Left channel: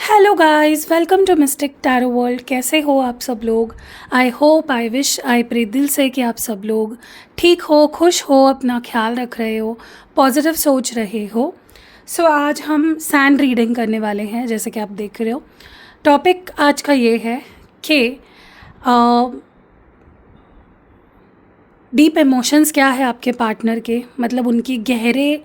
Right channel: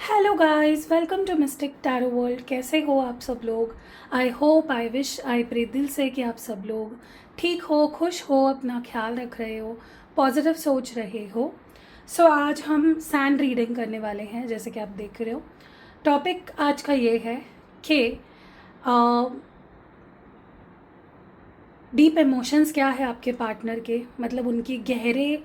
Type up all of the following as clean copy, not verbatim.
Hello guys, welcome to mystic tarot world. कैसे हो आप सब लोग? I hope, I wish, I pray दिल से कि आप सब लोग ठीक हो, खुश हो, अपना ख्याल रख रहे हो, पॉजिटिव सोच रहे हो। आज हम सैंड रीडिंग करने वाले हैं, जैसे कि आप देख रहे हो। टॉपिक आज का ये है कि डीप इमोशंस क्या है आपके पार्टनर के, मतलब उनकी गहरे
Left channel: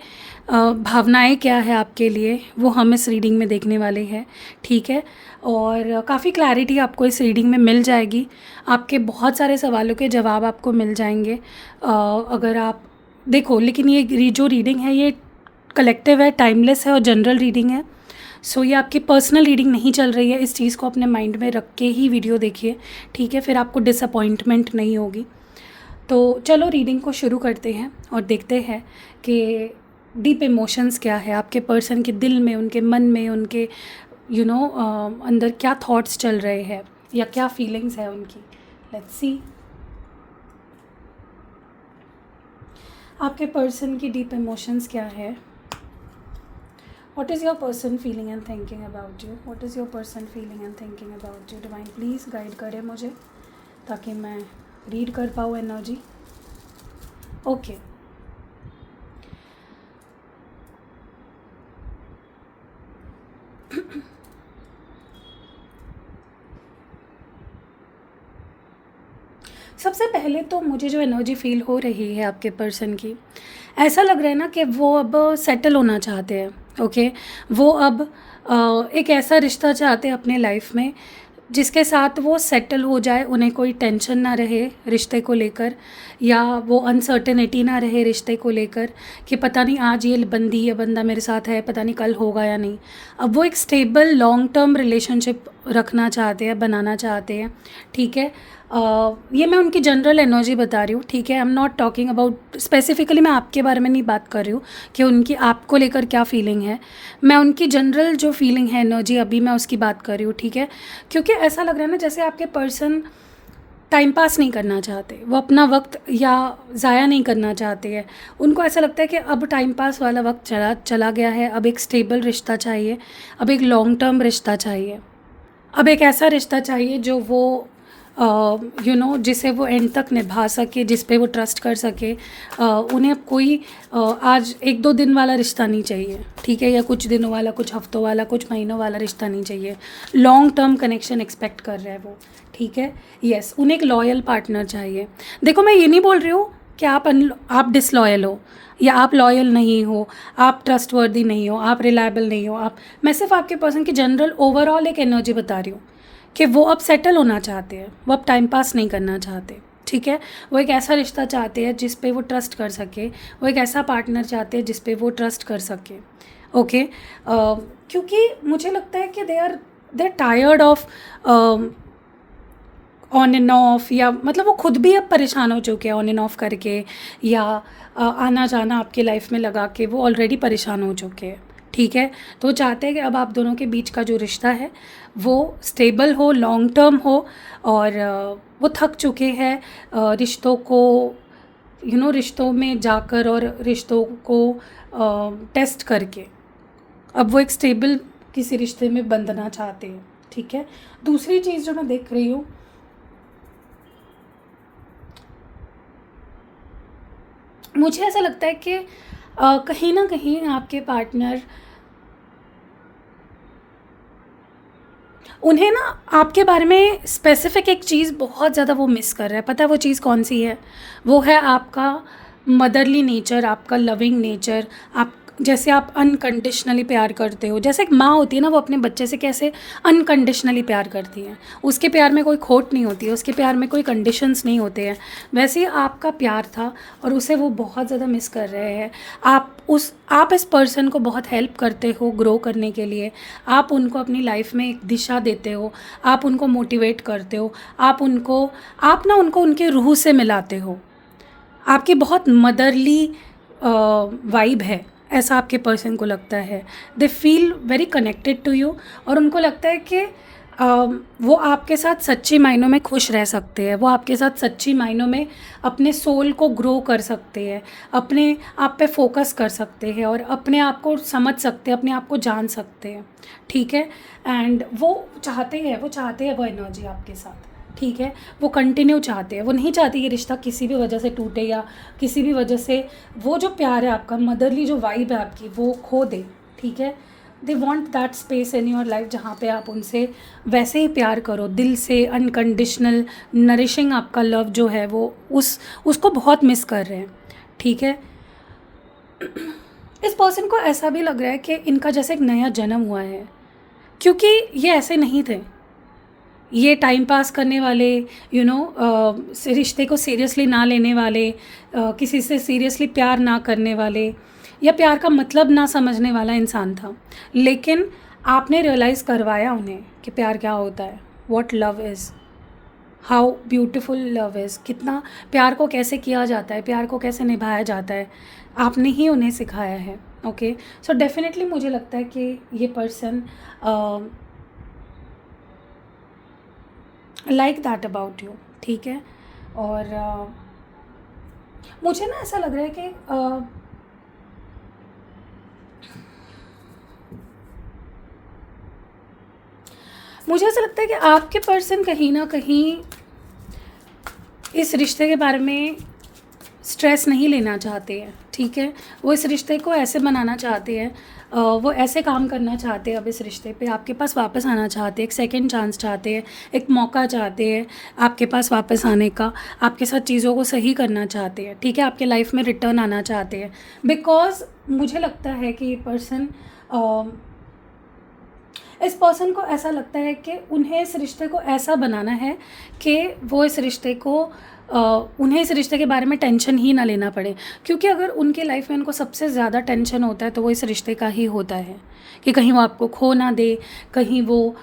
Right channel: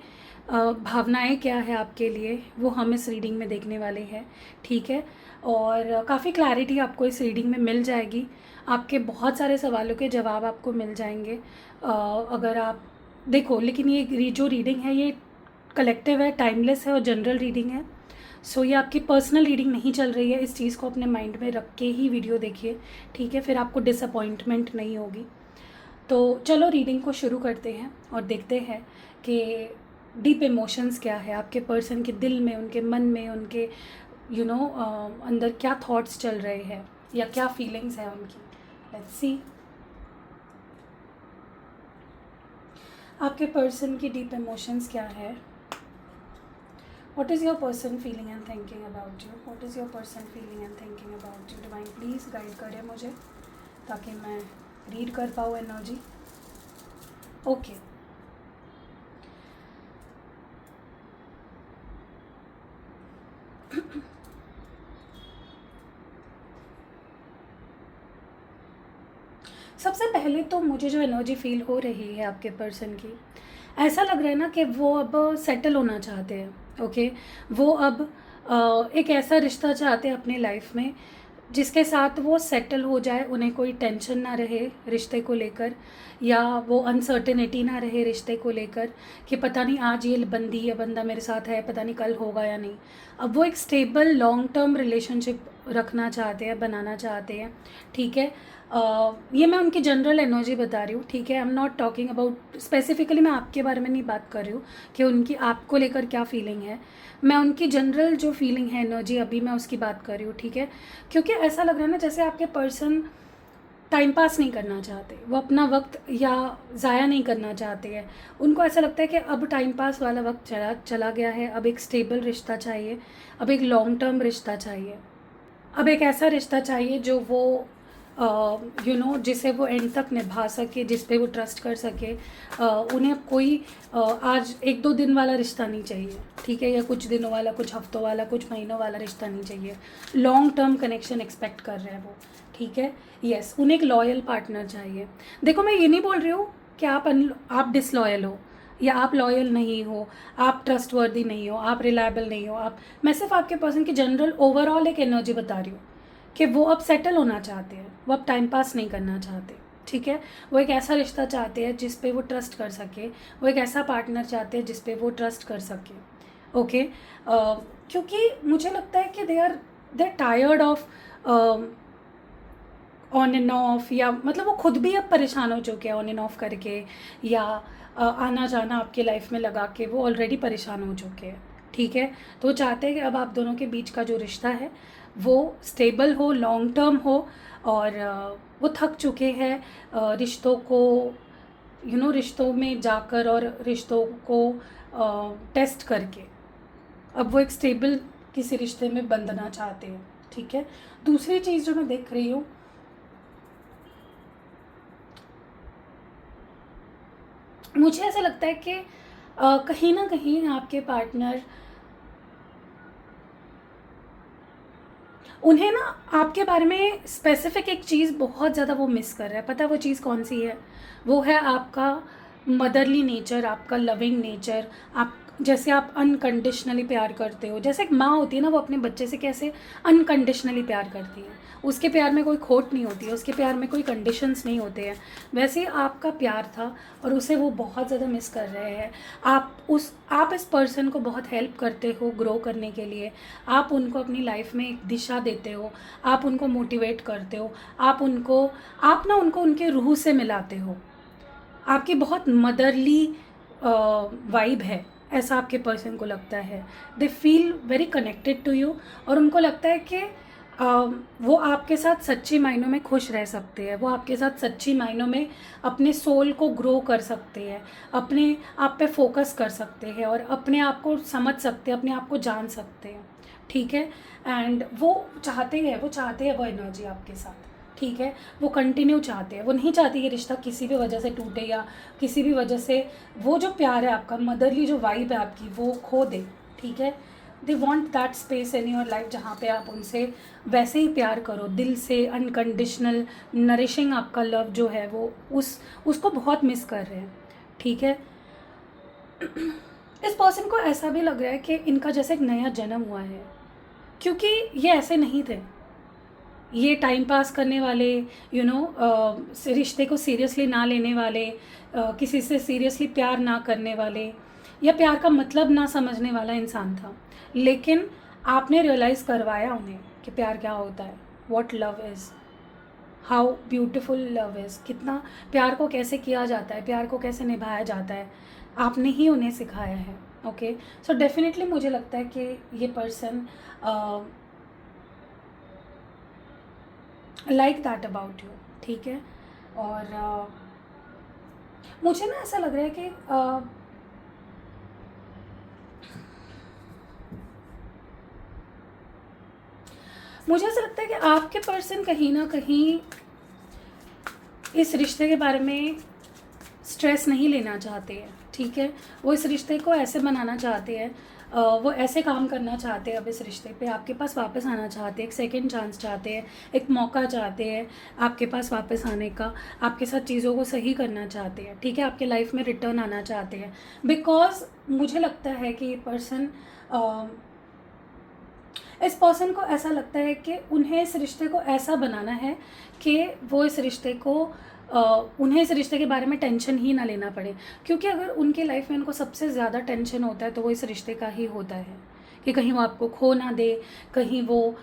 भावनाएं क्या है आपके लिए, वो हम इस रीडिंग में देखने वाले हैं। ठीक है, और काफ़ी क्लैरिटी आपको इस रीडिंग में मिल जाएगी। आपके बहुत सारे सवालों के जवाब आपको मिल जाएंगे अगर आप देखो। लेकिन ये जो रीडिंग है ये कलेक्टिव है, टाइमलेस है और जनरल रीडिंग है। ये आपकी पर्सनल रीडिंग नहीं चल रही है। इस चीज़ को अपने माइंड में रख के ही वीडियो देखिए, ठीक है? फिर आपको डिसअपॉइंटमेंट नहीं होगी। तो चलो रीडिंग को शुरू करते हैं और देखते हैं कि डीप इमोशंस क्या है आपके पर्सन के दिल में, उनके मन में, उनके अंदर क्या थॉट्स चल रहे हैं या क्या फीलिंग्स है उनकी। लेट्स सी आपके पर्सन की डीप इमोशंस क्या है। What is your person feeling and thinking about you? What is your person feeling and thinking about you? Divine please guide करें मुझे ताकि मैं रीड कर पाऊँ एनर्जी। ओके, सबसे पहले तो मुझे जो एनर्जी फील हो रही है आपके पर्सन की, ऐसा लग रहा है ना कि वो अब सेटल होना चाहते हैं। ओके, वो अब एक ऐसा रिश्ता चाहते हैं अपने लाइफ में जिसके साथ वो सेटल हो जाए, उन्हें कोई टेंशन ना रहे रिश्ते को लेकर, या वो अनसर्टेनिटी ना रहे रिश्ते को लेकर कि पता नहीं आज ये बंदी या बंदा मेरे साथ है, पता नहीं कल होगा या नहीं। अब वो एक स्टेबल लॉन्ग टर्म रिलेशनशिप रखना चाहते हैं, बनाना चाहते हैं। ठीक है, ये मैं उनकी जनरल एनर्जी बता रही हूँ। ठीक है, I am not talking about specifically, मैं आपके बारे में नहीं बात कर रही हूँ कि उनकी आपको लेकर क्या फीलिंग है। मैं उनकी जनरल जो फीलिंग है, एनर्जी, अभी मैं उसकी बात कर रही हूँ। ठीक है, क्योंकि ऐसा लग रहा है ना जैसे आपके पर्सन टाइम पास नहीं करना चाहते, वो अपना वक्त या ज़ाया नहीं करना चाहते हैं। उनको ऐसा लगता है कि अब टाइम पास वाला वक्त चला चला गया है, अब एक स्टेबल रिश्ता चाहिए, अब एक लॉन्ग टर्म रिश्ता चाहिए, अब एक ऐसा रिश्ता चाहिए जो वो जिसे वो एंड तक निभा सके, जिस पे वो ट्रस्ट कर सके। उन्हें कोई आज एक दो दिन वाला रिश्ता नहीं चाहिए, ठीक है, या कुछ दिनों वाला, कुछ हफ्तों वाला, कुछ महीनों वाला रिश्ता नहीं चाहिए। लॉन्ग टर्म कनेक्शन एक्सपेक्ट कर रहे हैं वो। ठीक है, यस, उन्हें एक लॉयल पार्टनर चाहिए। देखो, मैं ये नहीं बोल रही हूँ कि आप डिसलॉयल हो या आप लॉयल नहीं हो, आप ट्रस्टवर्दी नहीं हो, आप रिलायबल नहीं हो। मैं सिर्फ आपके पर्सन की जनरल ओवरऑल एक एनर्जी बता रही हूँ कि वो अब सेटल होना चाहते हैं, वो अब टाइम पास नहीं करना चाहते। ठीक है, वो एक ऐसा रिश्ता चाहते हैं जिस पे वो ट्रस्ट कर सके, वो एक ऐसा पार्टनर चाहते हैं जिस पे वो ट्रस्ट कर सके। ओके, क्योंकि मुझे लगता है कि they are tired of on and off, या मतलब वो खुद भी अब परेशान हो चुके हैं ऑन एंड ऑफ करके, या आना जाना आपके लाइफ में लगा के वो ऑलरेडी परेशान हो चुके हैं। ठीक है, तो वो चाहते हैं कि अब आप दोनों के बीच का जो रिश्ता है वो स्टेबल हो, लॉन्ग टर्म हो, और वो थक चुके हैं रिश्तों को, रिश्तों में जाकर और रिश्तों को टेस्ट करके। अब वो एक स्टेबल किसी रिश्ते में बंधना चाहते हैं। ठीक है, दूसरी चीज़ जो मैं देख रही हूँ, मुझे ऐसा लगता है कि कहीं ना कहीं आपके पार्टनर, उन्हें ना आपके बारे में स्पेसिफिक एक चीज़ बहुत ज़्यादा वो मिस कर रहा है। पता है वो चीज़ कौन सी है? वो है आपका मदरली नेचर, आपका लविंग नेचर। आप जैसे आप अनकंडीशनली प्यार करते हो, जैसे एक माँ होती है ना, वो अपने बच्चे से कैसे अनकंडीशनली प्यार करती है, उसके प्यार में कोई खोट नहीं होती है, उसके प्यार में कोई कंडीशंस नहीं होते हैं। वैसे ही आपका प्यार था और उसे वो बहुत ज़्यादा मिस कर रहे हैं। आप इस पर्सन को बहुत हेल्प करते हो ग्रो करने के लिए, आप उनको अपनी लाइफ में एक दिशा देते हो, आप उनको मोटिवेट करते हो, आप ना उनको उनके रूह से मिलाते हो। आपकी बहुत मदरली वाइब है, ऐसा आपके पर्सन को लगता है। They feel very connected to you, और उनको लगता है कि वो आपके साथ सच्ची मायनों में खुश रह सकते हैं, वो आपके साथ सच्ची मायनों में अपने सोल को ग्रो कर सकते हैं, अपने आप पे फोकस कर सकते हैं और अपने आप को समझ सकते हैं, अपने आप को जान सकते हैं, ठीक है। एंड वो चाहते हैं वो एनर्जी आपके साथ, ठीक है। वो कंटिन्यू चाहते हैं, वो नहीं चाहते ये रिश्ता किसी भी वजह से टूटे या किसी भी वजह से वो जो प्यार है आपका, मदरली जो वाइब है आपकी, वो खो दे, ठीक है। They want that space in your life जहाँ पे आप उनसे वैसे ही प्यार करो, दिल से, अनकंडीशनल नरिशिंग आपका लव जो है वो उसको बहुत मिस कर रहे हैं, ठीक है। इस पर्सन को ऐसा भी लग रहा है कि इनका जैसे एक नया जन्म हुआ है, क्योंकि ये ऐसे नहीं थे। ये टाइम पास करने वाले, रिश्ते को सीरियसली ना लेने वाले, किसी से सीरियसली प्यार ना करने वाले या प्यार का मतलब ना समझने वाला इंसान था। लेकिन आपने रियलाइज़ करवाया उन्हें कि प्यार क्या होता है, what love is, how beautiful love is, कितना प्यार को कैसे किया जाता है, प्यार को कैसे निभाया जाता है, आपने ही उन्हें सिखाया है। ओके, सो डेफिनेटली मुझे लगता है कि ये person like that about you, ठीक है। और मुझे ना ऐसा लग रहा है कि मुझे ऐसा लगता है कि आपके पर्सन कहीं ना कहीं इस रिश्ते के बारे में स्ट्रेस नहीं लेना चाहते हैं, ठीक है। वो इस रिश्ते को ऐसे बनाना चाहते हैं, वो ऐसे काम करना चाहते हैं अब इस रिश्ते पे, आपके पास वापस आना चाहते हैं, एक सेकंड चांस चाहते हैं, एक मौका चाहते हैं आपके पास वापस आने का, आपके साथ चीज़ों को सही करना चाहते हैं, ठीक है, आपके लाइफ में रिटर्न आना चाहते हैं। बिकॉज मुझे लगता है कि ये पर्सन, इस पर्सन को ऐसा लगता है कि उन्हें इस रिश्ते को ऐसा बनाना है कि वो इस रिश्ते को उन्हें इस रिश्ते के बारे में टेंशन ही ना लेना पड़े, क्योंकि अगर उनके लाइफ में उनको सबसे ज़्यादा टेंशन होता है तो वो इस रिश्ते का ही होता है कि कहीं वो आपको खो ना दे, कहीं वो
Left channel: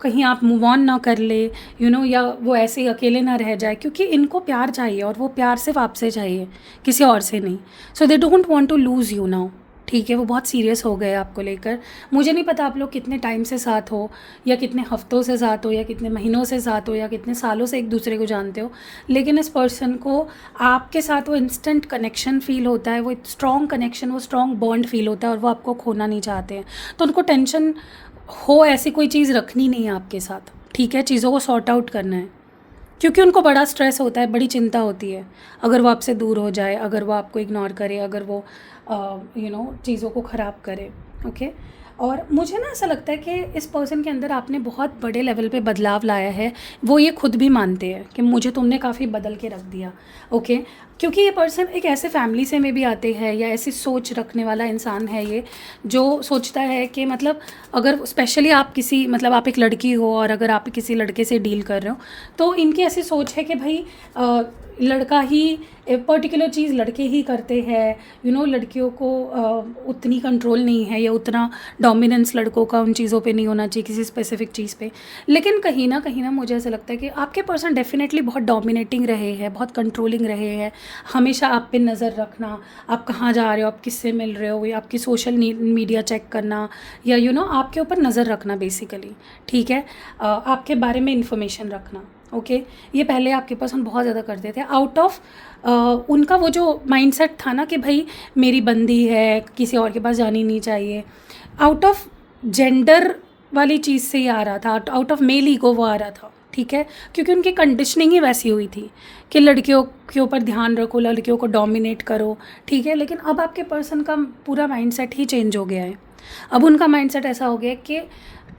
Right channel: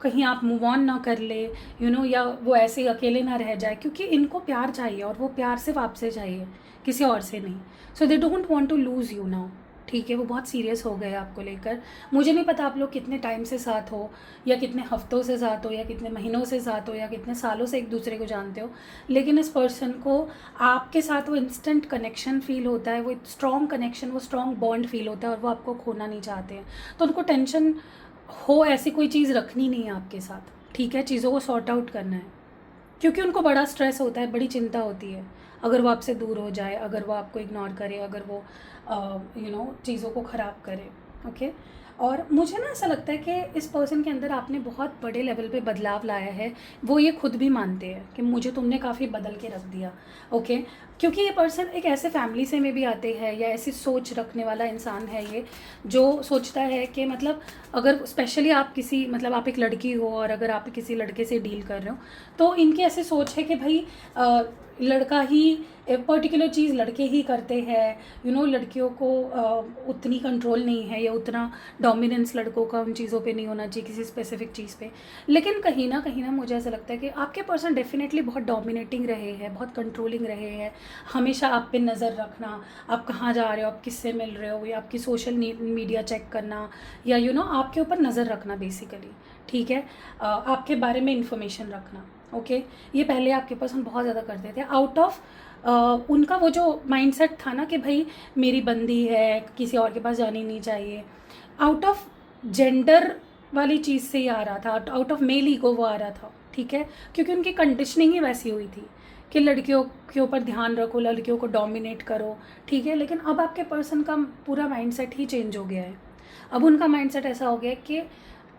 कहीं आप मूव ऑन ना कर ले, या वो ऐसे ही अकेले ना रह जाए, क्योंकि इनको प्यार चाहिए और वो प्यार सिर्फ आपसे चाहिए, किसी और से नहीं। So they don't want to lose you now, ठीक है। वो बहुत सीरियस हो गए आपको लेकर। मुझे नहीं पता आप लोग कितने टाइम से साथ हो, या कितने हफ्तों से साथ हो, या कितने महीनों से साथ हो, या कितने सालों से एक दूसरे को जानते हो, लेकिन इस पर्सन को आपके साथ वो इंस्टेंट कनेक्शन फ़ील होता है, वो स्ट्रॉन्ग कनेक्शन, वो स्ट्रॉन्ग बॉन्ड फील होता है और वो आपको खोना नहीं चाहते हैं। तो उनको टेंशन हो ऐसी कोई चीज़ रखनी नहीं है आपके साथ, ठीक है। चीज़ों को सॉर्ट आउट करना है, क्योंकि उनको बड़ा स्ट्रेस होता है, बड़ी चिंता होती है अगर वो आपसे दूर हो जाए, अगर वो आपको इग्नोर करे, अगर वो चीज़ों को ख़राब करे, ओके। और मुझे ना ऐसा लगता है कि इस पर्सन के अंदर आपने बहुत बड़े लेवल पे बदलाव लाया है, वो ये खुद भी मानते हैं कि मुझे तुमने काफ़ी बदल के रख दिया, ओके। क्योंकि ये पर्सन एक ऐसे फैमिली से में भी आते हैं, या ऐसी सोच रखने वाला इंसान है ये, जो सोचता है कि मतलब अगर स्पेशली आप किसी, मतलब आप एक लड़की हो और अगर आप किसी लड़के से डील कर रहे हो, तो इनकी ऐसी सोच है कि भाई लड़का ही, एक पर्टिकुलर चीज़ लड़के ही करते हैं, लड़कियों को उतनी कंट्रोल नहीं है, या उतना डोमिनेंस लड़कों का उन चीज़ों पे नहीं होना चाहिए, किसी स्पेसिफिक चीज़ पे। लेकिन कहीं ना मुझे ऐसा लगता है कि आपके पर्सन डेफिनेटली बहुत डोमिनेटिंग रहे हैं, बहुत कंट्रोलिंग रहे हैं, हमेशा आप पे नज़र रखना, आप कहाँ जा रहे हो, आप किससे मिल रहे हो, या आपकी सोशल मीडिया चेक करना, या आपके ऊपर नज़र रखना बेसिकली, ठीक है। आपके बारे में इंफॉर्मेशन रखना, ओके। ये पहले आपके पर्सन बहुत ज़्यादा करते थे, आउट ऑफ उनका वो जो माइंडसेट था ना कि भाई मेरी बंदी है, किसी और के पास जानी नहीं चाहिए, आउट ऑफ जेंडर वाली चीज़ से ही आ रहा था, आउट ऑफ मेल ईगो वो आ रहा था, ठीक है। क्योंकि उनकी कंडीशनिंग ही वैसी हुई थी कि लड़कियों के ऊपर ध्यान रखो, लड़कियों को डोमिनेट करो, ठीक है। लेकिन अब आपके पर्सन का पूरा माइंडसेट ही चेंज हो गया है। अब उनका माइंडसेट ऐसा हो गया कि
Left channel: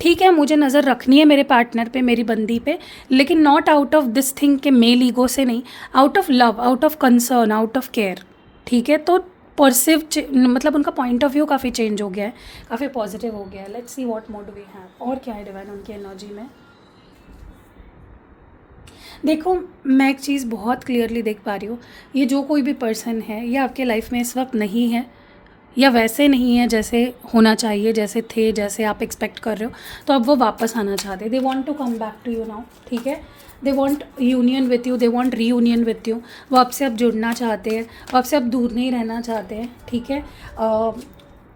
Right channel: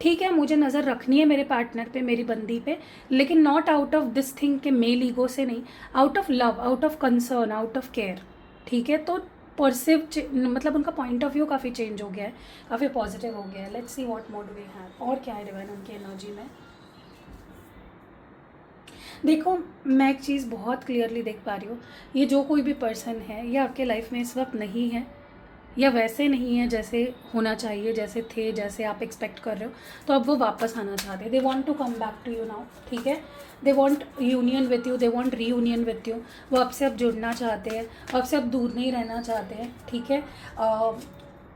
ठीक है, मुझे नज़र रखनी है मेरे पार्टनर पे, मेरी बंदी पे, लेकिन not out of this thing के मेल ईगो से नहीं, out of love, out of concern, out of care, ठीक है। तो परसिव, मतलब उनका पॉइंट ऑफ व्यू काफ़ी चेंज हो गया है, काफ़ी पॉजिटिव हो गया है। Let's see what more do we have, और क्या है डिवाइन उनकी एनर्जी में। देखो, मैं एक चीज़ बहुत क्लियरली देख पा रही हूँ, ये जो कोई भी पर्सन है ये आपके लाइफ में इस वक्त नहीं है, या वैसे नहीं है जैसे होना चाहिए, जैसे थे, जैसे आप एक्सपेक्ट कर रहे हो। तो अब वो वापस आना चाहते हैं, they want to come back to you now, ठीक है। They want union with you, they want reunion with you. वो आपसे अब जुड़ना चाहते हैं, वो आपसे अब दूर नहीं रहना चाहते हैं, ठीक है।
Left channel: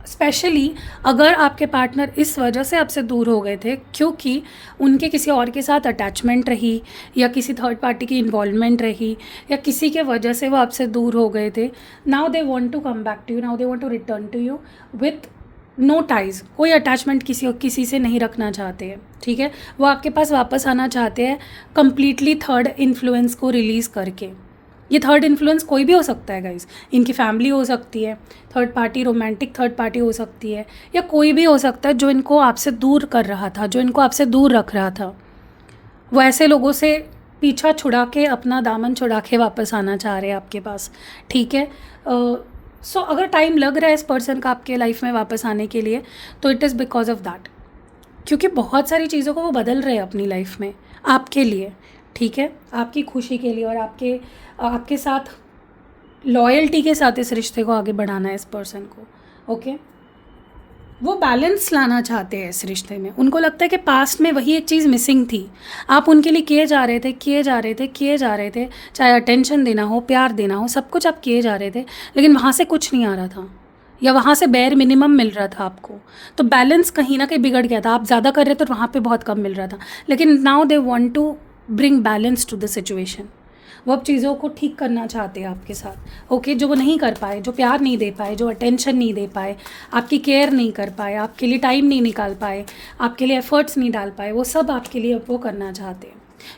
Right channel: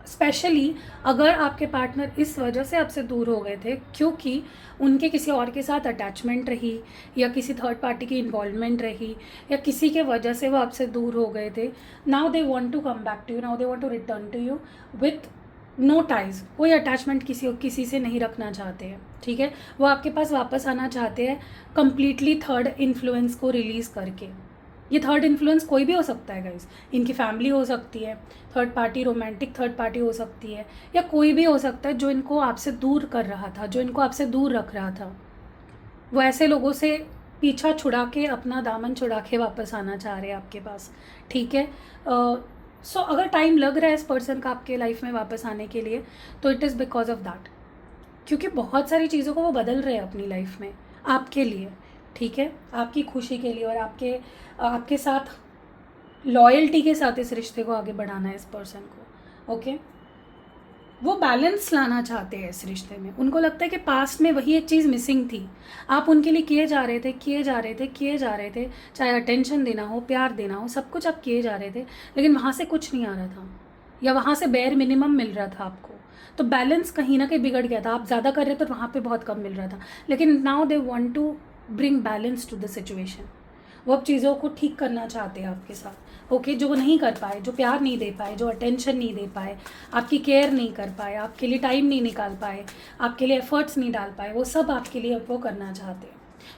स्पेशली अगर आपके पार्टनर इस वजह से आपसे दूर हो गए थे क्योंकि उनके किसी और के साथ अटैचमेंट रही, या किसी थर्ड पार्टी की इन्वॉल्वमेंट रही, या किसी के वजह से वो आपसे दूर हो गए थे। Now they want to come back to you, now they want to return to you with no ties, कोई अटैचमेंट किसी से नहीं रखना चाहते हैं, ठीक है। वो आपके पास वापस आना चाहते हैं कंप्लीटली थर्ड इन्फ्लुएंस को रिलीज़ करके। ये थर्ड इन्फ्लुएंस कोई भी हो सकता है गाइज, इनकी फैमिली हो सकती है, third party, romantic third party हो सकती है, या कोई भी हो सकता है जो इनको आपसे दूर कर रहा था, जो इनको आपसे दूर रख रहा था। वो ऐसे लोगों से पीछा छुड़ा के, अपना दामन छुड़ा के वापस आना चाह रहे हैं आपके पास, ठीक है। सो अगर टाइम लग रहा है इस पर्सन का आपके लाइफ में वापस आने के लिए, तो it is because of that, क्योंकि बहुत सारी चीज़ों को वो बदल रहे हैं अपनी लाइफ में आपके लिए, ठीक है, आपकी खुशी के लिए, और आपके साथ लॉयल्टी के साथ इस रिश्ते को आगे बढ़ाना है इस पर्सन को, ओके। वो बैलेंस लाना चाहते हैं इस रिश्ते में। उनको लगता है कि पास्ट में वही एक चीज़ मिसिंग थी, आप उनके लिए किए जा रहे थे, चाहे अटेंशन देना हो, प्यार देना हो, सब कुछ आप किए जा रहे थे, लेकिन वहाँ से कुछ नहीं आ रहा था, या वहाँ से बेयर मिनिमम मिल रहा था आपको। तो बैलेंस कहीं ना कहीं बिगड़ गया था, आप ज़्यादा कर रहे थे तो वहाँ पे बहुत कम मिल रहा था। लेकिन now they want to bring balance to the situation. वो अब चीज़ों को ठीक करना चाहते हैं आपके साथ, ओके। जो वो नहीं कर पाए, जो प्यार नहीं दे पाए, जो अटेंशन नहीं दे पाए, आपकी केयर नहीं कर पाए, आपके लिए टाइम नहीं निकाल पाए, आपके लिए एफर्ट्स नहीं डाल पाए, वो सब आपके लिए अब वो करना चाहते हैं।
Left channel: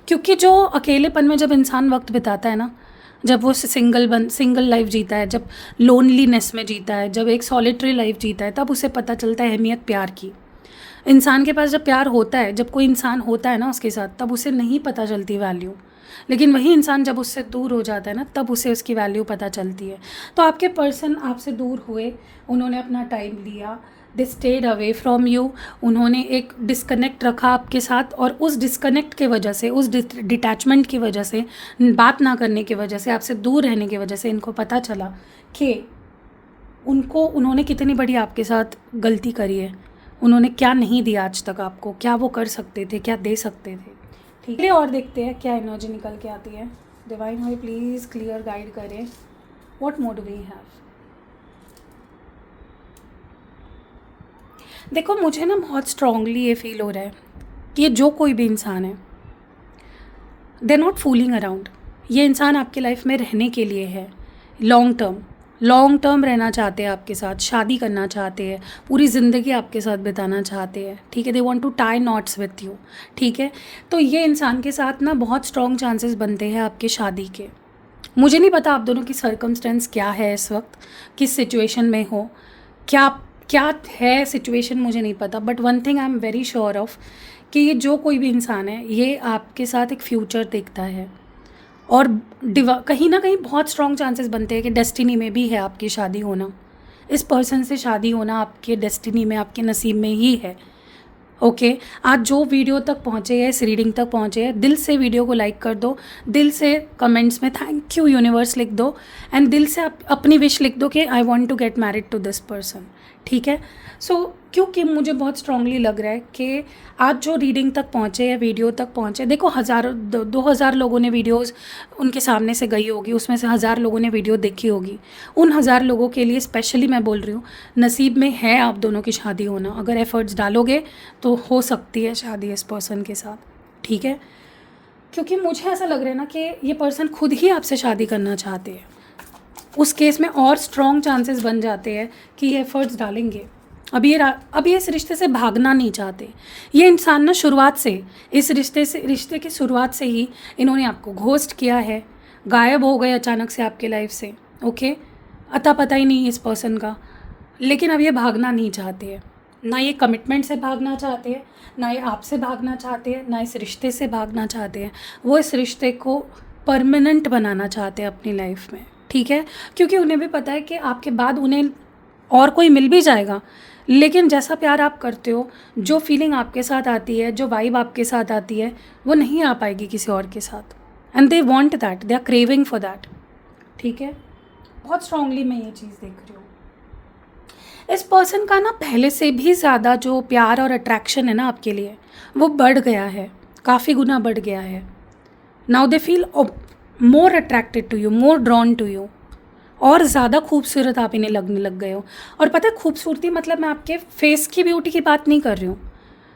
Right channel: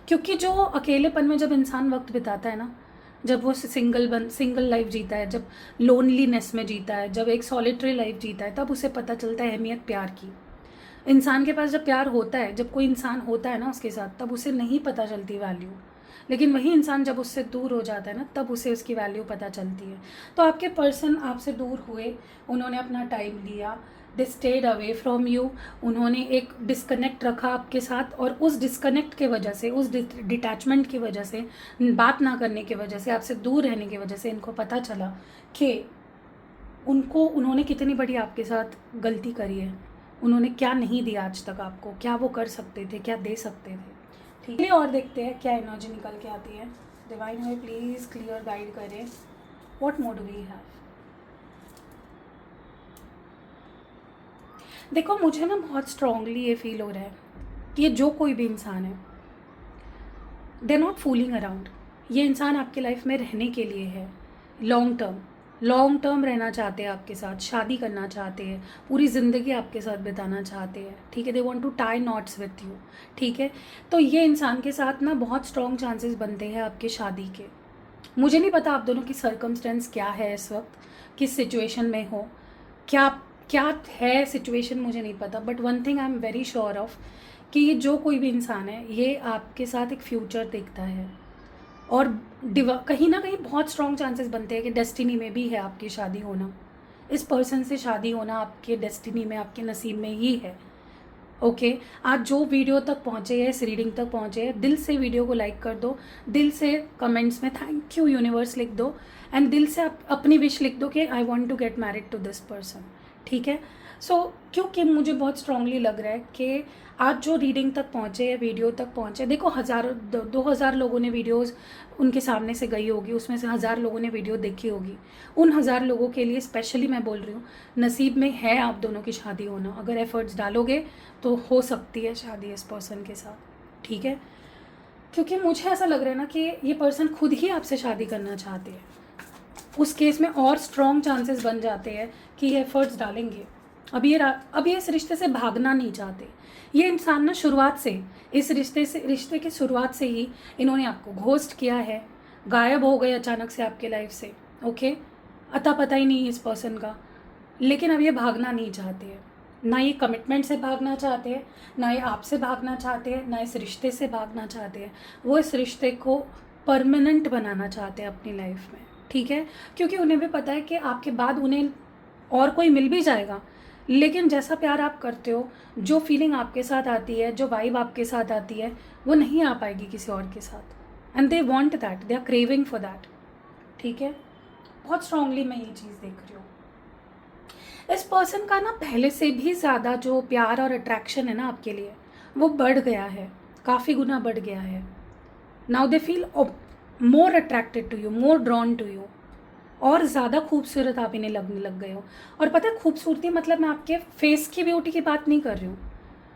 क्योंकि जो अकेलेपन में जब इंसान वक्त बिताता है ना, जब वो सिंगल लाइफ जीता है, जब लोनलीनेस में जीता है, जब एक सॉलिटरी लाइफ जीता है, तब उसे पता चलता है अहमियत प्यार की। इंसान के पास जब प्यार होता है, जब कोई इंसान होता है ना उसके साथ, तब उसे नहीं पता चलती वैल्यू। लेकिन वही इंसान जब उससे दूर हो जाता है ना, तब उसे उसकी वैल्यू पता चलती है। तो आपके पर्सन आपसे दूर हुए, उन्होंने अपना टाइम लिया, they stayed away from you, उन्होंने एक डिस्कनेक्ट रखा आपके साथ, और उस डिस्कनेक्ट की वजह से, उस डिटैचमेंट की वजह से, बात ना करने की वजह से, आपसे दूर रहने की वजह से इनको पता चला कि उन्होंने कितनी बड़ी आपके साथ गलती करी है, उन्होंने क्या नहीं दिया आज तक आपको, क्या वो कर सकते थे, क्या दे सकते थे, ठीक है। और देखते हैं क्या एनर्जी निकल के आती है। डिवाइन हमें प्लीज़ क्लियर गाइड करें, व्हाट मोड वी हैव। देखो मुझे ना बहुत स्ट्रांगली ये फील हो रहा है कि ये जो कोई भी इंसान है, दे नॉट फूलिंग अराउंड। ये इंसान आपकी लाइफ में रहने के लिए है, लॉन्ग टर्म रहना चाहते हैं आपके साथ, शादी करना चाहते हैं, पूरी ज़िंदगी आपके साथ बिताना चाहते हैं, ठीक है। They want to tie knots with you, ठीक है। तो ये इंसान के साथ ना बहुत स्ट्रॉन्ग चांसेस बनते हैं आपके शादी के। मुझे नहीं पता आप दोनों की सर्कमस्टेंस क्या है इस वक्त, किस सिचुएशन में हो, क्या क्या है सिचुएशन मुझे नहीं पता, but one thing I am very sure of कि ये जो कोई भी इंसान है, ये आपके साथ एक फ्यूचर देखता है, और कहीं ना कहीं बहुत स्ट्रॉन्ग चांसेस बनते हैं कि डेस्टिनी में भी है आपकी शादी होना। इस पर्सन से शादी होना आपके डेस्टिनी में, आपके नसीब में ही है, ओके। आज जो वीडियो तक पहुँचे हैं, इस रीडिंग तक पहुँचे हैं, दिल से वीडियो को लाइक कर दो, दिल से कमेंट्स में थैंक यू यूनिवर्स लिख दो, एंड दिल से अपनी विश लिख दो कि I want to get married to this person, ठीक है। सो क्योंकि मुझे बहुत स्ट्रांगली लग रहा है कि आज जो रीडिंग तक पहुँचे या वीडियो तक पहुँचे, देखो 2,000 लोगों ने वीडियोस उनके सामने से गई होगी, उसमें से 1,000 लोगों ने वीडियो देखी होगी। उन 1,000 लोगों के लिए स्पेशली मैं बोल रही हूँ, नसीब में है आप दोनों की शादी होना। अगर एफर्ट्स डालोगे तो हो सकती है शादी इस पर्सन के साथ, ठीक है। क्योंकि मुझे ऐसा लग रहा है ना कि ये पर्सन खुद ही आपसे शादी करना चाहते हैं। उस केस में और स्ट्रॉन्ग चांसेस बन जाते हैं कि ये एफर्ट्स डालेंगे। अब ये इस रिश्ते से भागना नहीं चाहते। ये इंसान ना शुरुआत से, इस रिश्ते की शुरुआत से ही इन्होंने आपको घोस्ट किया है, गायब हो गए अचानक से आपके लाइफ से, ओके। अता पता ही नहीं इस पर्सन का। लेकिन अब ये भागना नहीं चाहते हैं, ना ये कमिटमेंट से भागना चाहते हैं, ना ये आपसे भागना चाहते हैं, ना इस रिश्ते से भागना चाहते हैं। वो इस रिश्ते को परमानेंट बनाना चाहते हैं अपनी लाइफ में, ठीक है। क्योंकि उन्हें भी पता है कि आपके बाद उन्हें और कोई मिल भी जाएगा, लेकिन जैसा प्यार आप करते हो, जो फीलिंग आपके साथ आती है, जो वाइब आपके साथ आती है, वो नहीं आ पाएगी किसी और के साथ। And they want that, they are craving for that, ठीक है। बहुत स्ट्रांगली मैं ये चीज़ देख रही हूँ। इस पर्सन का ना पहले से भी ज़्यादा जो प्यार और अट्रैक्शन है ना आपके लिए, वो बढ़ गया है, काफ़ी गुना बढ़ गया है। Now they feel more attracted to you, more drawn to you. और ज़्यादा खूबसूरत आप इन्हें लगने लग गए हो। और पता है खूबसूरती मतलब मैं आपके फेस की ब्यूटी की बात नहीं कर रही हूँ।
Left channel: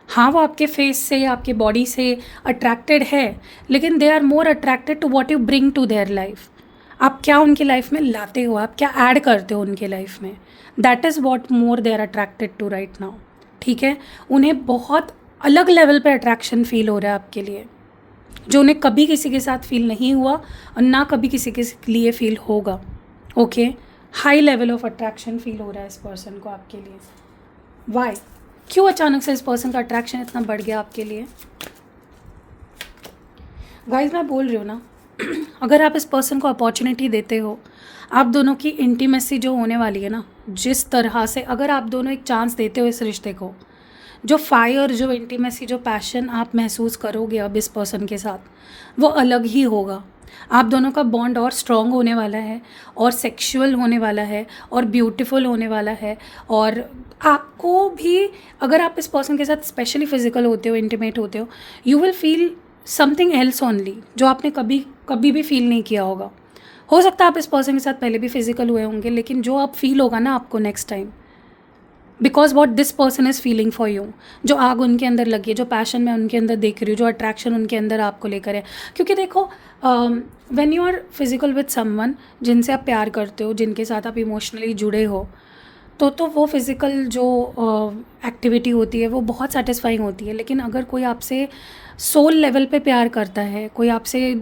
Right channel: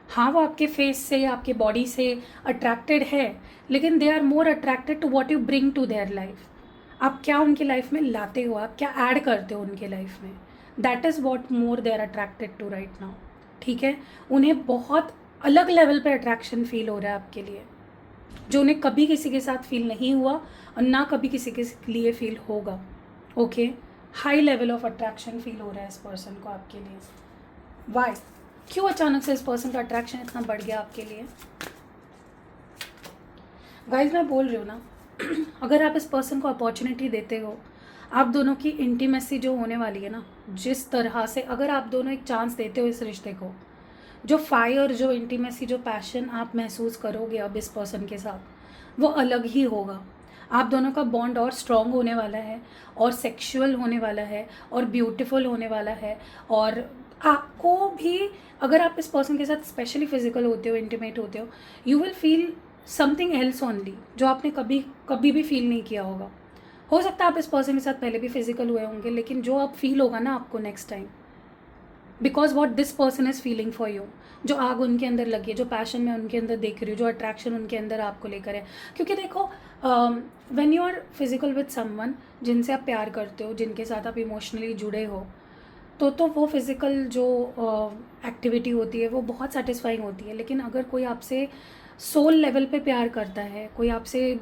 हाँ, वो आपके फेस से, आपके बॉडी से अट्रैक्टेड है, लेकिन they are more attracted to what you bring to their life. आप क्या उनकी लाइफ में लाते हो, आप क्या ऐड करते हो उनके लाइफ में, that is what more they are attracted to right now. ठीक है, उन्हें बहुत अलग लेवल पे अट्रैक्शन फील हो रहा है आपके लिए, जो उन्हें कभी किसी के साथ फील नहीं हुआ और ना कभी किसी के लिए फील होगा। Okay, high level of attraction feel हो रहा है इस पर्सन को आपके लिए। वाई, क्यों अचानक से इस पर्सन का अट्रैक्शन इतना बढ़ गया आपके लिए? गाइज मैं बोल रही हूँ ना, अगर आप इस पर्सन को अपॉर्चुनिटी देते हो, आप दोनों की इंटीमेसी जो होने वाली है ना, जिस तरह से अगर आप दोनों एक चांस देते हो इस रिश्ते को, जो फायर, जो इंटीमेसी, जो पैशन आप महसूस करोगे अब इस पर्सन के साथ, वो अलग ही होगा। आप दोनों का बॉन्ड और स्ट्रॉन्ग होने वाला है, और सेक्सुअल होने वाला है, और ब्यूटीफुल होने वाला है। और आपको भी, अगर आप इस पर्सन के साथ स्पेशली फिजिकल होते हो, इंटीमेट होते हो, you will feel something else only, जो आपने कभी कभी भी फील नहीं किया होगा। हो सकता है आप इस पर्सन के साथ पहले भी फिजिकल हुए होंगे, लेकिन जो आप फील होगा ना आपको next time, because what this person is feeling for you, जो आग उनके अंदर लगी है, जो पैशन मैं उनके अंदर देख रही हूँ, जो अट्रैक्शन उनके अंदर आपको लेकर है। क्योंकि देखो, when you are physical with someone जिनसे आप प्यार करते हो, जिनके साथ आप इमोशनली जुड़े हो, तो वो फिज़िकल जो एक्टिविटी होती है वो बहुत सेटिस्फाइंग होती है। लेकिन अगर कोई आपसे सोल लेवल पे प्यार करता है, कोई आपसे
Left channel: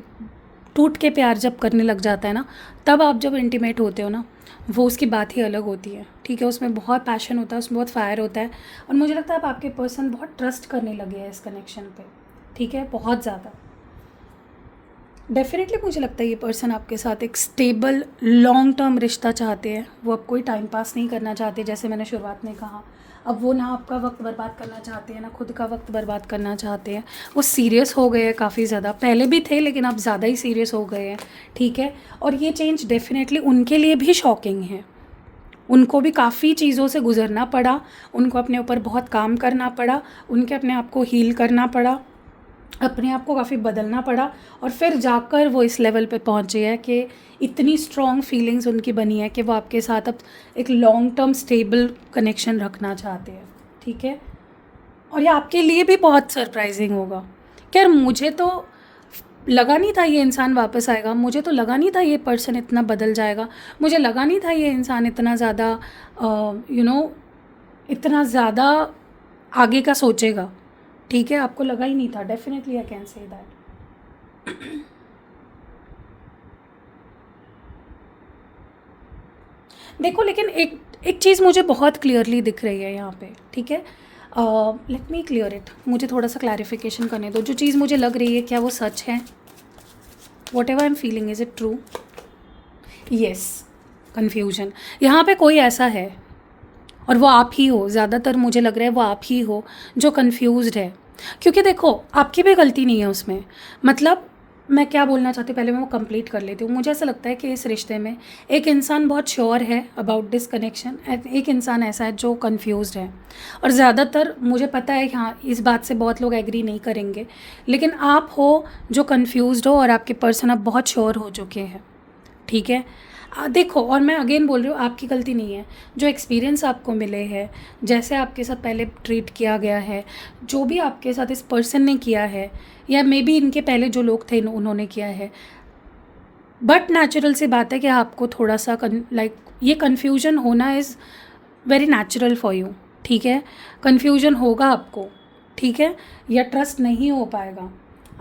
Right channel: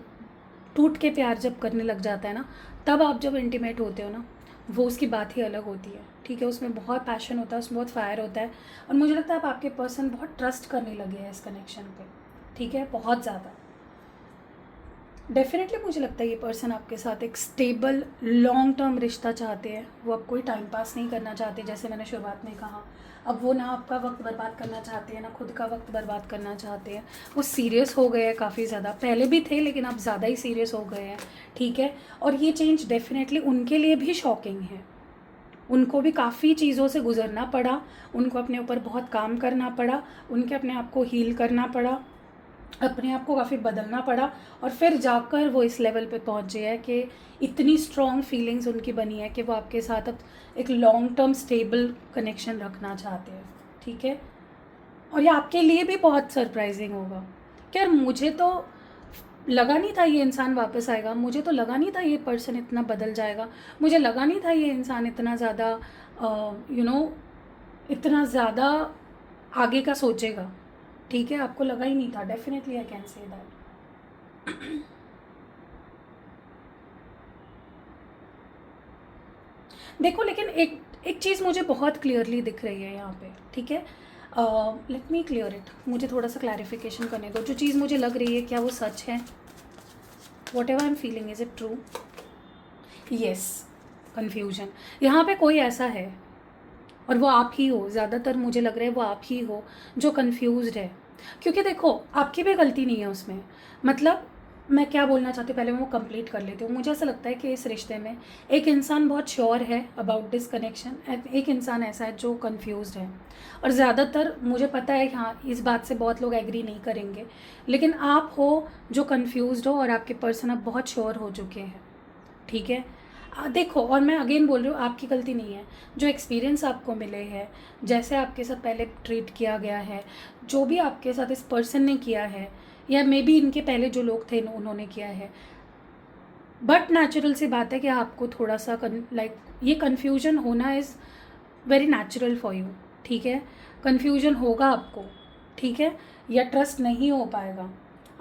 टूट के प्यार जब करने लग जाता है ना, तब आप जब इंटीमेट होते हो ना, वो उसकी बात ही अलग होती है। ठीक है, उसमें बहुत पैशन होता है, उसमें बहुत फायर होता है। और मुझे लगता है आप आपके पर्सन बहुत ट्रस्ट करने लगे हैं इस कनेक्शन पे। ठीक है, बहुत ज़्यादा। डेफिनेटली मुझे लगता है ये पर्सन आपके साथ एक स्टेबल लॉन्ग टर्म रिश्ता चाहते हैं। वो अब कोई टाइम पास नहीं करना चाहते, जैसे मैंने शुरुआत में कहा। अब वो ना आपका वक्त बर्बाद करना चाहते हैं, ना खुद का वक्त बर्बाद करना चाहते हैं। वो सीरियस हो गए हैं काफ़ी ज़्यादा, पहले भी थे लेकिन अब ज़्यादा ही सीरियस हो गए हैं। ठीक है, और ये चेंज डेफिनेटली उनके लिए भी शॉकिंग है। उनको भी काफ़ी चीज़ों से गुजरना पड़ा, उनको अपने ऊपर बहुत काम करना पड़ा, उनके अपने आप को हील करना पड़ा, अपने आप को काफ़ी बदलना पड़ा, और फिर जाकर वो इस लेवल पे पहुँचे हैं कि इतनी स्ट्रॉन्ग फीलिंग्स उनकी बनी है कि वो आपके साथ अब एक लॉन्ग टर्म स्टेबल कनेक्शन रखना चाहते हैं। ठीक है, और ये आपके लिए भी बहुत सरप्राइजिंग होगा कि यार मुझे तो लगा नहीं था ये इंसान वापस आएगा, मुझे तो लगा नहीं था ये पर्सन इतना बदल जाएगा, मुझे लगा नहीं था ये इंसान इतना ज़्यादा इतना ज़्यादा आगे का सोचेगा। ठीक है, आपको लगा ही नहीं था। Definitely I can say that. देखो, लेकिन एक चीज़ मुझे बहुत क्लियरली दिख रही है यहाँ पे। ठीक है, लेट मी क्लियर इट, मुझे थोड़ा सा क्लैरिफिकेशन करने दो। जो चीज़ मुझे लग रही है, क्या वो सच है? What ever I am feeling, is it true? Yes, confusion. यहाँ पे कोई ऐसा है, और वो आप ही हो, ज़्यादातर मुझे लग रहा है वो आप ही हो जो कन्फ्यूज़्ड है। क्योंकि देखो, आपकी भी गलती नहीं है उसमें। मतलब मैं क्या बोलना चाहती हूँ, पहले मैं वो कंप्लीट कर लेती हूँ। मुझे ऐसा लगता है कि इस रिश्ते में एक इंसान बहुत श्योर है अबाउट दिस कनेक्शन, एक इंसान ऐसा है जो कन्फ्यूज़्ड है। और ज़्यादातर मुझे पता है, हाँ, इस बात से बहुत लोग एग्री नहीं करेंगे, लेकिन आप हो जो कन्फ्यूज़्ड हो, और आपके पर्सन अब बहुत श्योर हो चुके हैं। ठीक है, देखो, और मैं अगेन बोल रही हूँ, आपकी गलती नहीं है। जो एक्सपीरियंस आपको मिले हैं, जैसे आपके साथ पहले ट्रीट किया गया है, जो भी आपके साथ इस पर्सन ने किया है, या मे बी इनके पहले जो लोग थे उन्होंने किया है, बट नेचुरल सी बात है कि आपको थोड़ा सा ये कन्फ्यूजन होना is very natural for you. ठीक है, कन्फ्यूजन होगा आपको। ठीक है, या ट्रस्ट नहीं हो पाएगा,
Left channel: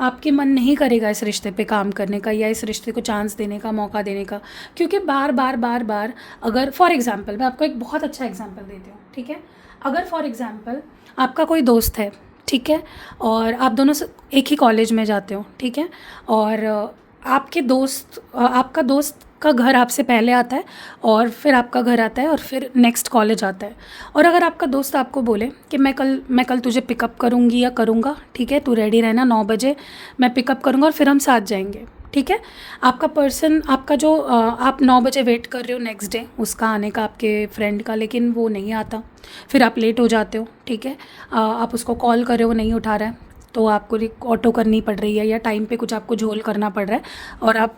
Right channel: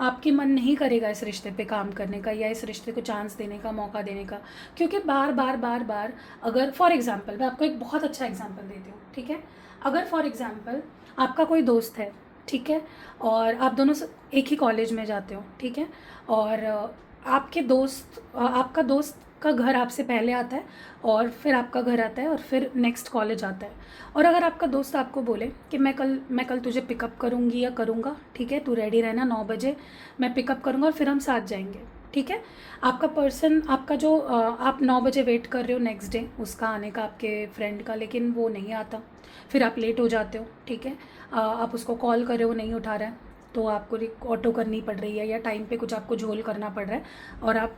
आपके मन नहीं करेगा इस रिश्ते पे काम करने का, या इस रिश्ते को चांस देने का, मौका देने का। क्योंकि बार बार अगर फॉर एग्जांपल, मैं आपको एक बहुत अच्छा एग्जांपल देती हूँ। ठीक है, अगर फॉर एग्जांपल आपका कोई दोस्त है, ठीक है, और आप दोनों एक ही कॉलेज में जाते हो, ठीक है, और आपका दोस्त का घर आपसे पहले आता है, और फिर आपका घर आता है, और फिर नेक्स्ट कॉलेज आता है। और अगर आपका दोस्त आपको बोले कि मैं कल तुझे पिकअप करूँगी या करूँगा, ठीक है, तू रेडी रहना, 9 बजे मैं पिकअप करूँगा और फिर हम साथ जाएंगे। ठीक है, आपका पर्सन, आपका जो आप 9 बजे वेट कर रहे हो नेक्स्ट डे उसका आने का, आपके फ्रेंड का, लेकिन वो नहीं आता, फिर आप लेट हो जाते हो। ठीक है, आप उसको कॉल कर रहे हो, वो नहीं उठा रहा है, तो आपको ऑटो करनी पड़ रही है, या टाइम पे कुछ आपको झोल करना पड़ रहा है, और आप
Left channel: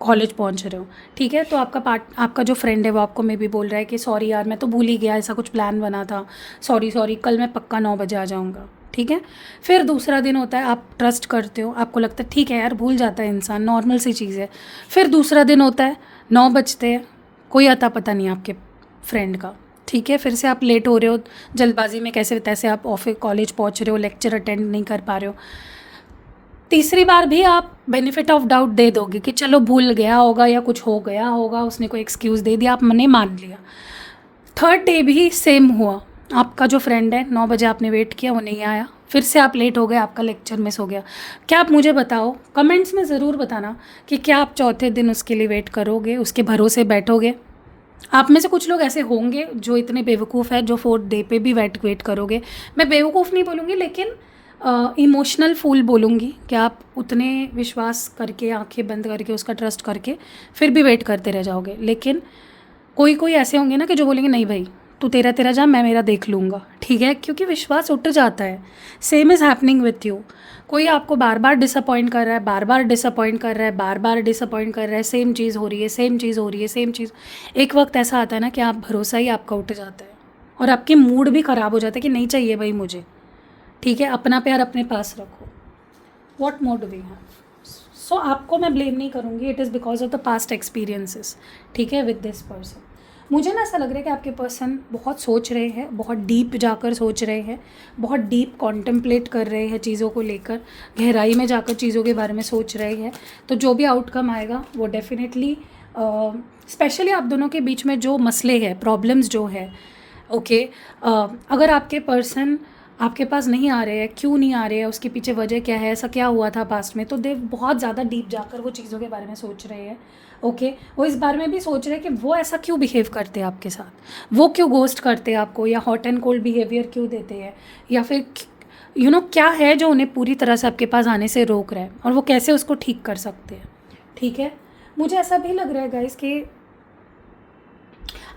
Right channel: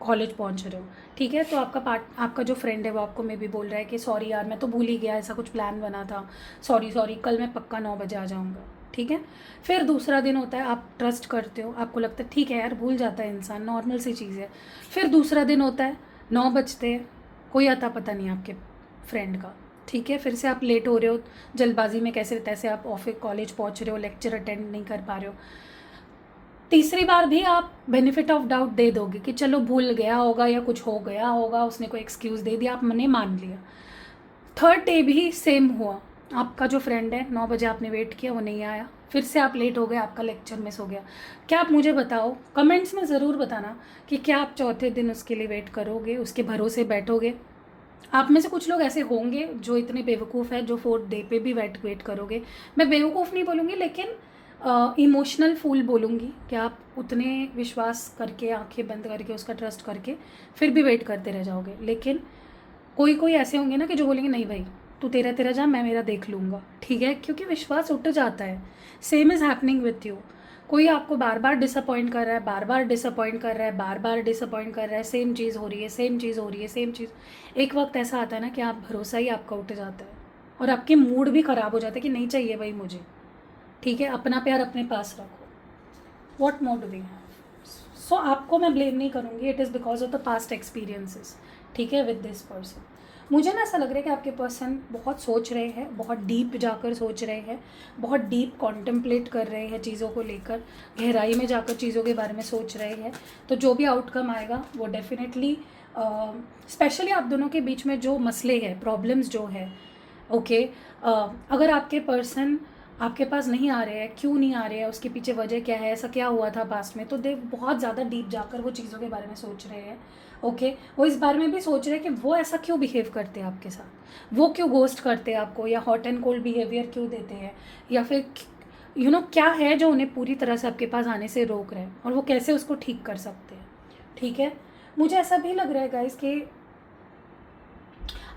कॉलेज पहुंच रहे हो, ठीक है। तो आपका जो फ्रेंड है वो आपको मे बी बोल रहा है कि सॉरी यार मैं तो भूल ही गया, ऐसा कुछ प्लान बना था, सॉरी सॉरी, कल मैं पक्का 9 बजे आ जाऊँगा, ठीक है। फिर दूसरा दिन होता है, आप ट्रस्ट करते हो, आपको लगता है ठीक है यार भूल जाता है इंसान, नॉर्मल सी चीज़ है। फिर दूसरा दिन होता है, 9 बजते हैं, कोई अता पता नहीं आपके फ्रेंड का, ठीक है। फिर से आप लेट हो रहे हो, जल्दबाजी में कैसे तैसे आप ऑफिस कॉलेज पहुंच रहे हो, लेक्चर अटेंड नहीं कर पा रहे हो। तीसरी बार भी आप बेनिफिट ऑफ डाउट दे दोगे कि चलो भूल गया होगा या कुछ हो गया होगा, उसने कोई एक्सक्यूज़ दे दिया, आपने मान लिया। थर्ड डे भी सेम हुआ, आपका जो फ्रेंड है 9 बजे आपने वेट किया, वो नहीं आया, फिर से आप लेट हो गए, आपका लेक्चर मिस हो गया। क्या आप मुझे बताओ, कमेंट्स में ज़रूर बताना कि क्या आप चौथे दिन उसके लिए वेट करोगे, उसके भरोसे बैठोगे। आप में से कुछ लोग ऐसे होंगे जो इतने बेवकूफ़ है जो फोर्थ डे पे भी वेट करोगे। मैं बेवकूफ़ नहीं बोलूँगी, लेकिन इमोशनल फूल बोलूँगी कि आप उतने विश्वास करके, आंखें बंद करके, उसका ट्रस्ट करके फिर भी वेट करते रह जाओगे। लेकिन कोई कोई ऐसे होंगे ना कि जो बोलेंगे नहीं भाई तू तेरा तेरा जा, मैं मेरा देख लूँगा, ठीक है, क्योंकि विश्वास उठ जाता है। Same is happening with you. कोई आपको बार बार डिसअपॉइंट कर रहा है, बार बार डिसअपॉइंट कर रहा है, बार बार डिसअपॉइंट कर रहा है, सेम चीज़ हो रही है, सेम चीज़ हो रही है, सेम चीज़। एक वक्त ऐसा आता है ना कि आप भरोसा ही आपका उठ जाता है और आपकी मूड भी ख़राब हो जाता है कि नहीं चाहिए भाई मुझे, ठीक है। अपना प्यार अपने पास रखो। What more do we have. So आपको मैं ब्लेम नहीं करूँगी, it is because of the past experiences, ठीक है, विद दिस पर्सन। मुझे ना ऐसा लग रहा है कि आपके पर्सन बहुत सोच रहे हैं, बहुत डीप जाकर सोच रहे हैं, बहुत डीप कॉन्टेम्पलेट कर रहे हैं चीज़ों को लेकर, गहराई में जाकर चीज़ों के बारे में सोच रहे हैं। तो जो भी आउटकम आएगा वो डेफिनेटली, स्पेशली आप दोनों के बीच में जो मसले हैं, प्रॉब्लम्स जो है, ओके, अगर आपके पर्सन आपके पास नहीं आ रहे हैं, क्यों नहीं आ रहे हैं, उसके पीछे वजह क्या है, ऐसा क्या हुआ था पास्ट में, तो दे बहुत ज़्यादा डीप जाकर वो चीज़ों के बारे में सोच रहे हैं, ओके। वो इस बारे में भी सोच रहे हैं कि वो ऐसा क्यों बिहेव करते हैं आपके साथ, वो क्यों गोस्ट करते हैं आपको, या हॉट एंड कोल्ड बिहेवियर क्यों देते हैं, या फिर क्या है जो उन्हें पूरी तरह से आपके पास आने से रोक रहा है, और वो कैसे उसको ठीक कर सकते हैं, ठीक है। मुझे ऐसा भी लग रहा है गाइस कि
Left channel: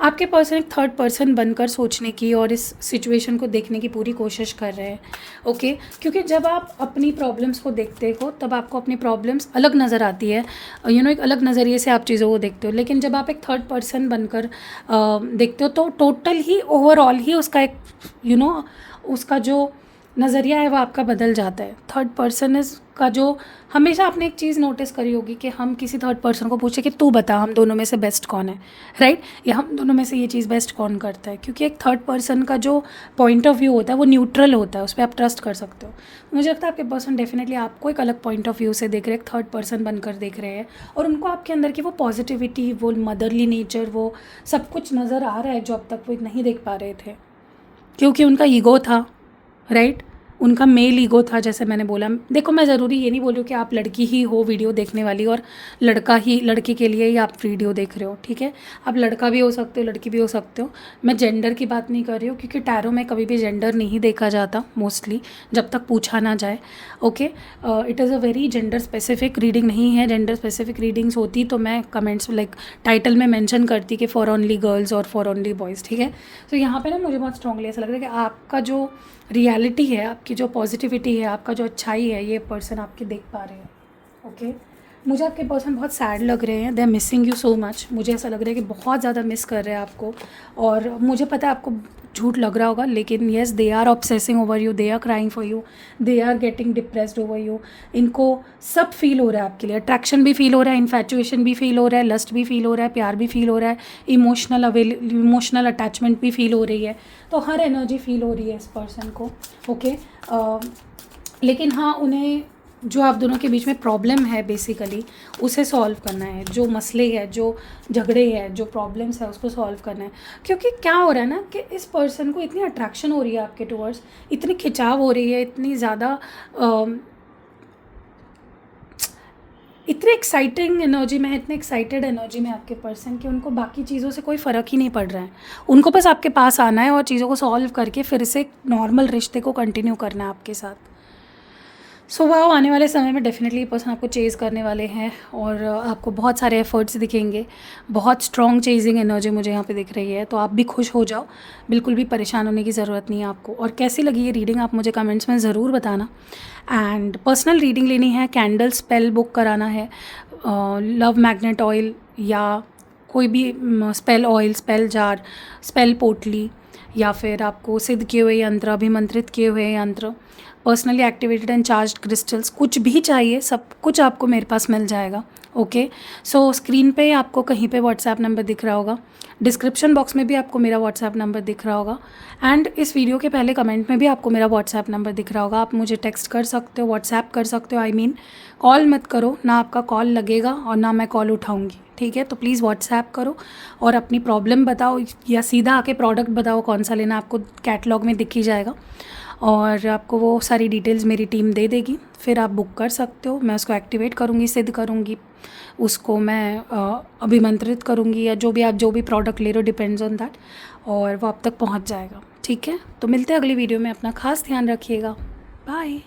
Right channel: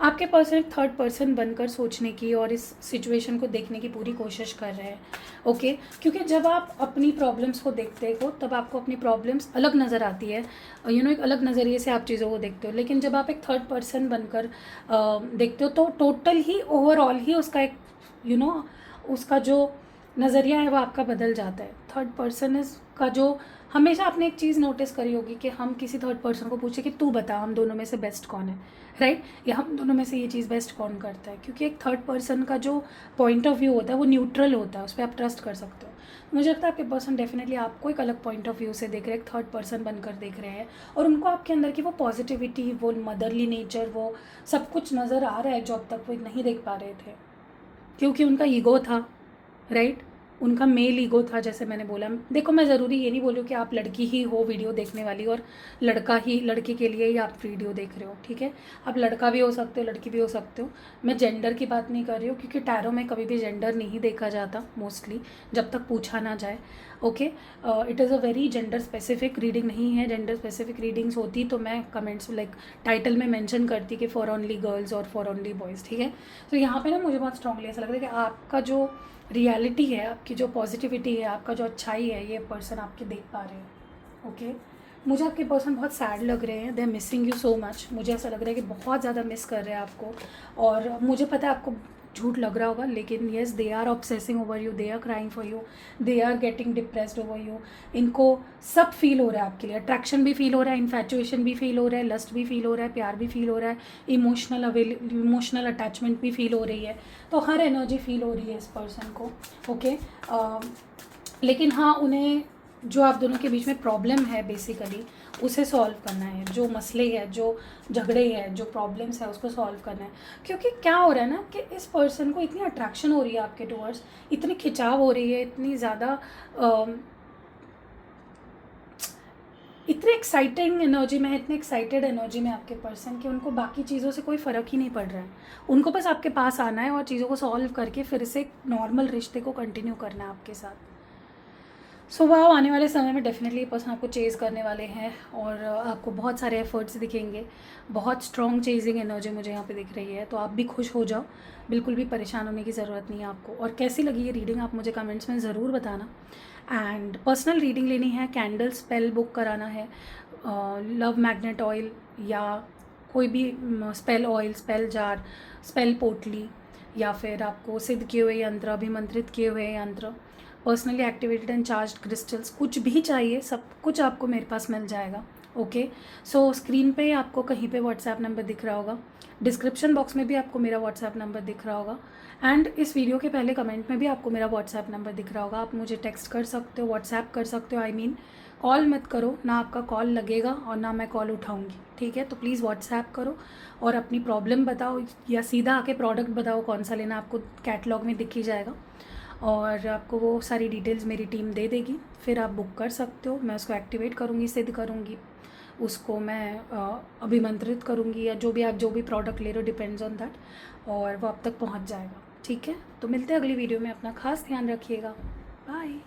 आपके पर्सन एक थर्ड पर्सन बनकर सोचने की और इस सिचुएशन को देखने की पूरी कोशिश कर रहे हैं, ओके। क्योंकि जब आप अपनी प्रॉब्लम्स को देखते हो तब आपको अपनी प्रॉब्लम्स अलग नज़र आती है, एक अलग नज़रिए से आप चीज़ों को देखते हो। लेकिन जब आप एक थर्ड पर्सन बनकर देखते हो तो टोटल ही, ओवरऑल ही उसका एक उसका जो नज़रिया है वो आपका बदल जाता है। थर्ड पर्सन का जो, हमेशा आपने एक चीज़ नोटिस करी होगी कि हम किसी थर्ड पर्सन को पूछे कि तू बता हम दोनों में से बेस्ट कौन है, राइट, या हम दोनों में से ये चीज़ बेस्ट कौन करता है, क्योंकि एक थर्ड पर्सन का जो पॉइंट ऑफ व्यू होता है वो न्यूट्रल होता है, उस पर आप ट्रस्ट कर सकते हो। मुझे लगता है आपके पर्सन डेफिनेटली आपको एक अलग पॉइंट ऑफ व्यू से देख रहे हैं, एक थर्ड पर्सन बनकर देख रहे हैं, और उनको आपके अंदर की वो पॉजिटिविटी, वो मदरली नेचर, वो सब कुछ नज़र आ रहा है जो अब तक वो नहीं देख पा रहे थे, क्योंकि उनका ईगो था, राइट, उनका मेल ईगो था। जैसे मैंने बोला, देखो मैं ज़रूरी ये नहीं बोल रही हूँ कि आप लड़की ही हो वीडियो देखने वाली और लड़के के लिए ही आप वीडियो देख रहे हो, ठीक है। आप लड़का भी हो सकते हो, लड़की भी हो सकते हो। मैं जेंडर की बात नहीं कर रही हूँ, क्योंकि टैरो में कभी भी जेंडर नहीं देखा जाता मोस्टली, जब तक पूछा ना जाए, okay. It is a very gender specific reading नहीं है। जेंडर स्पेसिफिक रीडिंग्स होती तो मैं कमेंट्स टाइटल में मेंशन करती कि फॉर ओनली गर्ल्स और फॉर ओनली बॉयज़, ठीक है। तो यहाँ पे ना मुझे बहुत स्ट्रांगली ऐसा लग रहा है कि आपका जो रियलिटी है, आपकी जो पॉजिटिविटी है, आपका जो अच्छाई है, ये पर्सन आपके देख पा रहे हैं, ओके। मुझे आपके पर्सन बहुत सैड लग रहे हैं, they are missing you so much. मुझे ऐसा लग रहा है कि बहुत ज़्यादा मिस कर रहे हैं आपको, और मुझे पता है आपको झूठ लग रहा होगा, लेकिन yes they are obsessing over you, they are crying for you, they are getting depressed over you. इनको सब फील हो रहा है आपके लिए, अट्रैक्शन भी फील हो रहा है, इन्फैचुएशन भी फील हो रहा है, लस्ट भी फील हो रहा है, प्यार भी फील हो रहा है, इमोशनल अटैचमेंट भी फील हो रही है। तो हर एनर्जी फील हो रही है इस पर्सन को, ओके। लेकिन हाँ, उन्हें जो आप दोनों के बीच में प्रॉब्लम है बेसिकली उसे सॉल्व करना है, जो मसले है, जो झगड़े हैं, जो प्रॉब्लम्स है, उसको सॉल्व करना है। क्योंकि क्या हो रहा है ना कि इस पर्सन को इतनी अट्रैक्शन हो रही है आपके टुवर्ड्स, इतनी खिंचाव हो रही है, इतनी ज़्यादा इतनी एक्साइटिंग एनर्जी में है, इतने एक्साइटेड एनर्जी में आपके पर्सन कि उनको बाकी चीज़ों से कोई फ़र्क ही नहीं पड़ रहा है। उनको बस आपके पास आना है और चीज़ों को सॉल्व करके फिर से नॉर्मल रिश्ते को कंटिन्यू करना है आपके साथ। सो वाह, आने वाले समय में डेफिनेटली ये पर्सन आपको चेज़ करने वाले हैं और आपको बहुत सारे एफर्ट्स दिखेंगे। बहुत स्ट्रॉन्ग चेजिंग एनर्जी मुझे यहाँ पे दिख रही है, तो आप भी खुश हो जाओ, बिल्कुल भी परेशान होने की ज़रूरत नहीं है आपको। और कैसी लगी ये रीडिंग आप मुझे कमेंट्स में ज़रूर बताना। एंड पर्सनल रीडिंग लेनी है, कैंडल स्पेल बुक कराना है, लव मैग्नेट ऑयल या कोई भी spell oil, spell jar, spell पोटली, या फिर आपको सिद्ध किए हुए यंत्र, अभिमंत्रित किए हुए यंत्र, personally activated and charged crystals, कुछ भी चाहिए सब कुछ आपको मेरे पास मिल जाएगा। ओके, सो स्क्रीन पे आपको कहीं पे व्हाट्सएप नंबर दिख रहा होगा, डिस्क्रिप्शन बॉक्स में भी आपको मेरा व्हाट्सएप नंबर दिख रहा होगा, एंड इस वीडियो के पहले कमेंट में भी आपको मेरा व्हाट्सएप नंबर दिख रहा होगा। आप मुझे टेक्स्ट कर सकते हो, व्हाट्सएप कर सकते हो, आई मीन कॉल मत करो, ना आपका कॉल लगेगा और ना मैं कॉल उठाऊंगी, ठीक है। तो प्लीज़ व्हाट्सएप करो और अपनी प्रॉब्लम बताओ या सीधा आके प्रोडक्ट बताओ कौन सा लेना, आपको कैटलॉग में दिख ही जाएगा और आपको वो सारी डिटेल्स मेरी टीम दे देगी। फिर आप बुक कर सकते हो, मैं उसको एक्टिवेट करूँगी, सिद्ध करूँगी, उसको मैं अभिमंत्रित करूँगी, या जो भी प्रोडक्ट ले रहे हो, डिपेंड्स ऑन दैट, और वो आप तक पहुँच जाएगा, ठीक है। तो मिलते हैं अगली वीडियो में, अपना खास ध्यान रखिएगा, बाय।